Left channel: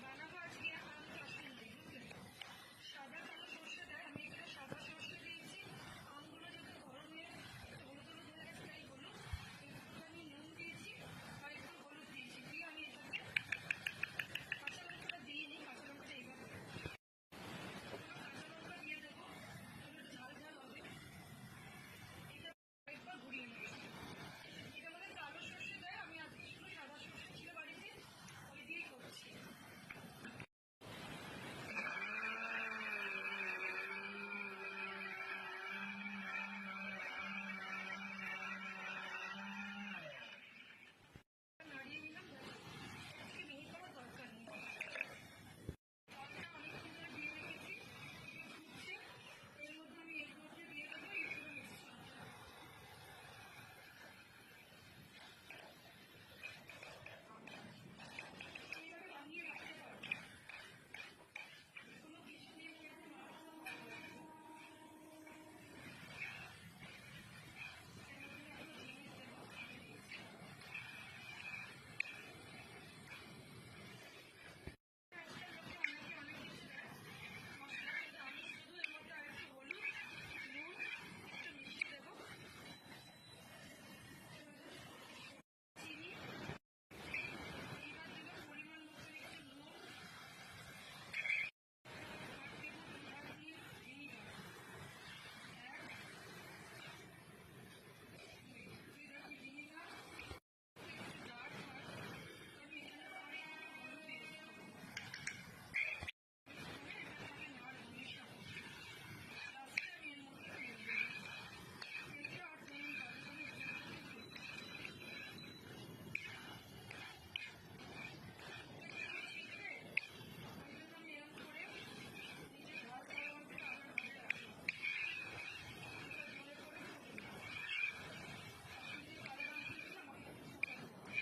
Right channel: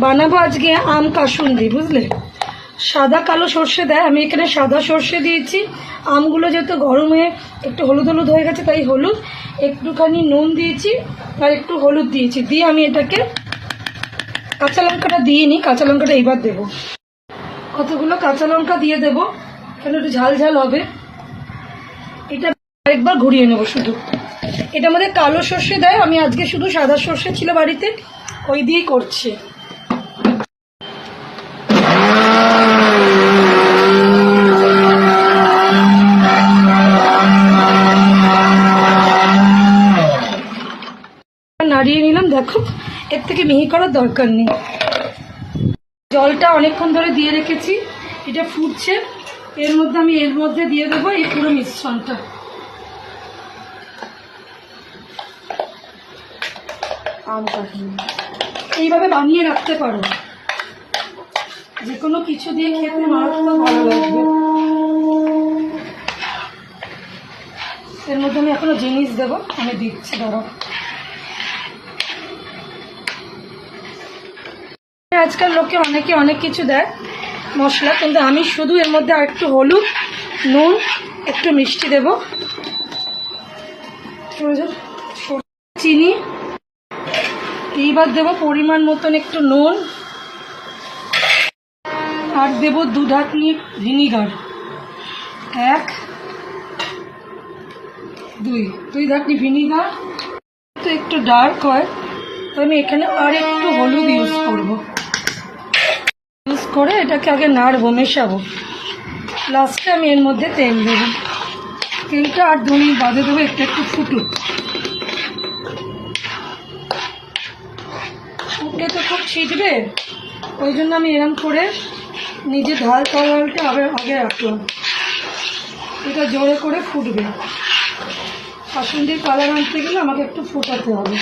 বানাবো আজকে আম কাসুন্দি, বুঝলে? সাদা কালো সর্ষে দেয়, আমি এখানে সাদা সর্ষে দিয়েছি। আমগুলো যেহেতু গরমে একটু হলুদ হলুদ হয়ে গেছে তাই হলুদ, একটুখানি নুন দিয়েছি আর একটু হলুদ দিয়েছি। দিয়ে আমি এটাকে, কাঁচা লঙ্কাটা দিইনি, কাঁচা লঙ্কাটা এইবার দেবো। কতগুলো কাঁচা লঙ্কা দিয়ে দেবো, কেন একটু ঝাল ঝাল হবে। এটা আরেকবার ঘুরিয়ে নেবো শুধু। এটার মধ্যে কালো সর্ষে দেয়, আমি আজকে শুধু সাদা সর্ষে ছিল বাড়িতে, ওই দিয়েই করছি। নাড়িয়ে নিলাম, দেখো এর থেকে মিহি করার দরকার নেই। জলটা অনেকক্ষণ ধরে দিয়ে রেখেছি, এটা ফুটছে। এর মধ্যে দিয়ে দেবো এই পুরো মিশ্রণটা। আম কাসুন্দি এইভাবে বানিয়ে রাখতে পারো, যে কোনো কিছু দিয়ে খেতে মারাত্মক ভালো লাগবে। এর মধ্যে আমি এখনো জিনিস দেবো, আমি দিচ্ছি, ধরো। আজকাল লোকে অনেকে অনেক কিছু দেয় মশলা, কিন্তু আমি শুধু এর মধ্যে আর একটু হলুদ, নুন, একটু মিষ্টি দেব, চিনি, এইবার দেব পরিমাণ মতন একটু নুন, আর দেব 2 ঢাকনি ভিনিগার, 1 2 ঢাকনি ভিনিগার। তো একটু ডার্ক হয়, তো আমি এখানে আর একটু হলুদ ইউজ করব। ইউজ করে এটাকে আগে নাড়বো, মেশাবো। লাস্টে আমি এর মধ্যে তেল দেবো। তেলটা আর 2 মিনিট বাদে দেবো, একটু ফুটুক। ফুটলে তো খুব ছিটবে, ওই জন্য আমি এরম করে নিজে ঢাল তরলটা আগে রাখলাম। এটা জোরে করে ফুটবে। কাসুন্দির কালার আনতে গেলে আমাকে একটু ফোটাতে হবে।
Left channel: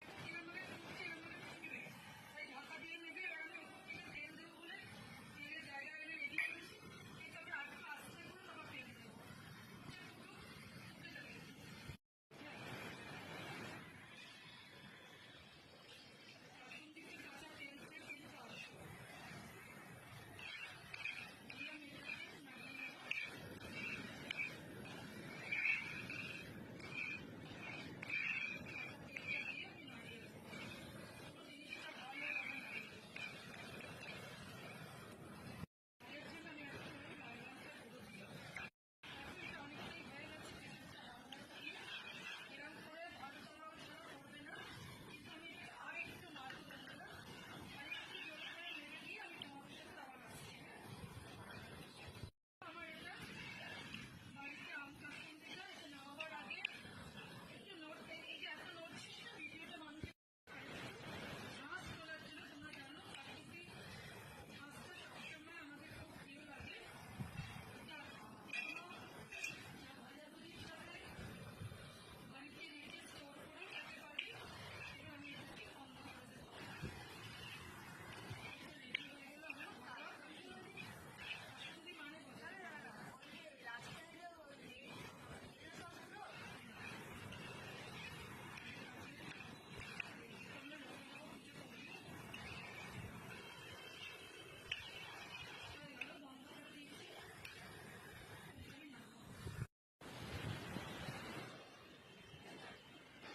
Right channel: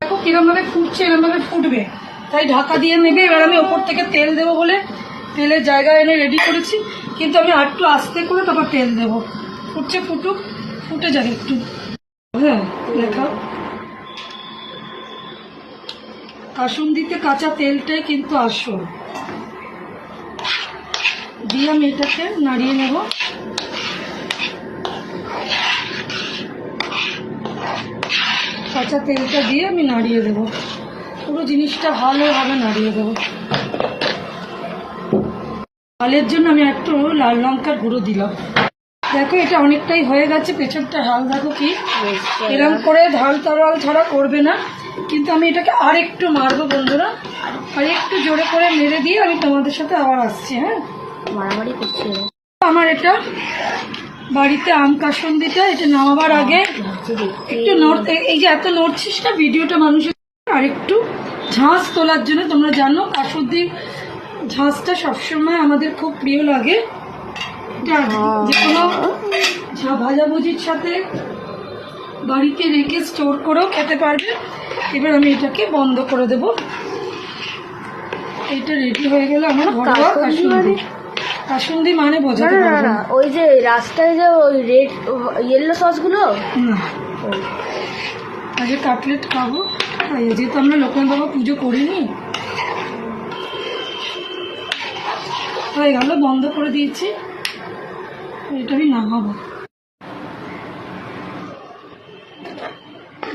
দেখো কিরমভাবে ফুটছে, এরমভাবে ফুটবে, তাই ঢাকা দিয়ে নেবে। এবার আমি ওপর থেকে তেল দেবো বলে তেলের জায়গা এনে রেডি করেছি, কিন্তু আমি আর একটু আস্তে করে তারপর তেল দেবো। ফুটছে, ফুটুক, ফুটে যাবে একটু। হ্যাঁ, দেখাও। কাসুন্দিতে কাঁচা তেলটাই কিন্তু আসল। দিয়ে আমি এটাকে নাড়িয়ে নেব। কাঁচা তেলটা দিয়ে আমি নাড়িয়ে দেবো, পুরো জিনিসটা ভালোভাবে নাড়িয়ে দেবো। ঝালের জন্য আমি একটু লাল লঙ্কার গুঁড়ো দিলাম। দেখো এটা অনেকটাই হয়ে গেছে, পেছনটা হাল দেখো কি। এরকম করে ঢাল তরল ছাড়া করবে না, কিন্তু আমি এটাকে আর একটু মারবো বন্ধুরা। আর একটু জোরে করে মেরে দিয়ে আমি তোমাদের সাথে আবার আসছি। হ্যাঁ, মারামারি করছি। আমার এটা বাড়িতে আম কাসুন্দিটা, এটা নামাবার আগে একটু নড়তে, এই যে এত নড়ছিস না ভিডিওটা মানুষের, আর একটু ঝাঁস তোলার জন্য। তোমরা জানো কাসুন্দি ঝাঁসটা সবসময় আমাদের খুব প্রিয় লাগে। যে কোনো ভাজাভুজির সাথে বাড়িতে রেখে স্টোর করেও খেতে পারবে। এবার আমি এটাকে বন্ধ করে দেব। এটা রেডি হয়ে গেলে আমার ঘরোয়া কাসুন্দি। কাসুন্দি মানে বোঝাতে পারবো না, ওই যে রাস্তায় যে ওই রেড ইয়েলো সসগুলো না। আজকে কাটলেট খাবো, যেহেতু আমরা লোকনাথ বাবা পুজো করিনি। হয়ে গেল, বন্ধ করে দিয়েছি। এটা আমি নামাবো।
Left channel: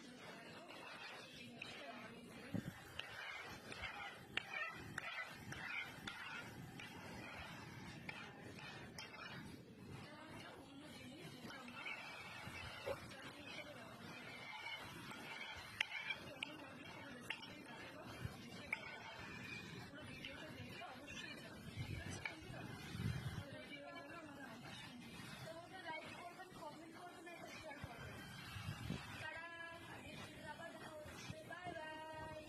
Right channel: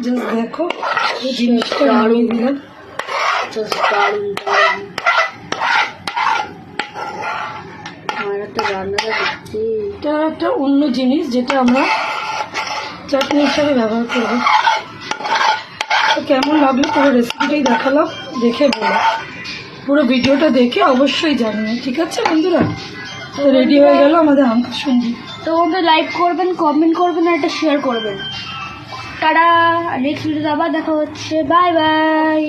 জাস্ট দেখো জিনিসটা নামিয়ে দিলাম। এটা একটা অন্য জিনিস যেটা আমরা চাটনি হিসাবে ব্যবহার করবো। তো কেমন লাগলো পুরো রেসিপিটাই দেখালাম, দেখে বলো। পুরো ভিডিওটা দেখে অবশ্যই জানিও, ঠিক আছে বন্ধুরা? তো রেডি হয়ে গেল আমাদের আম কাসুন্দি। তো বন্ধু লাইক করবেন, কমেন্ট করবেন আর এটা শেয়ার করবেন। টাটা, নেক্সট ভিডিওতে আবার দেখা হচ্ছে। Bye bye.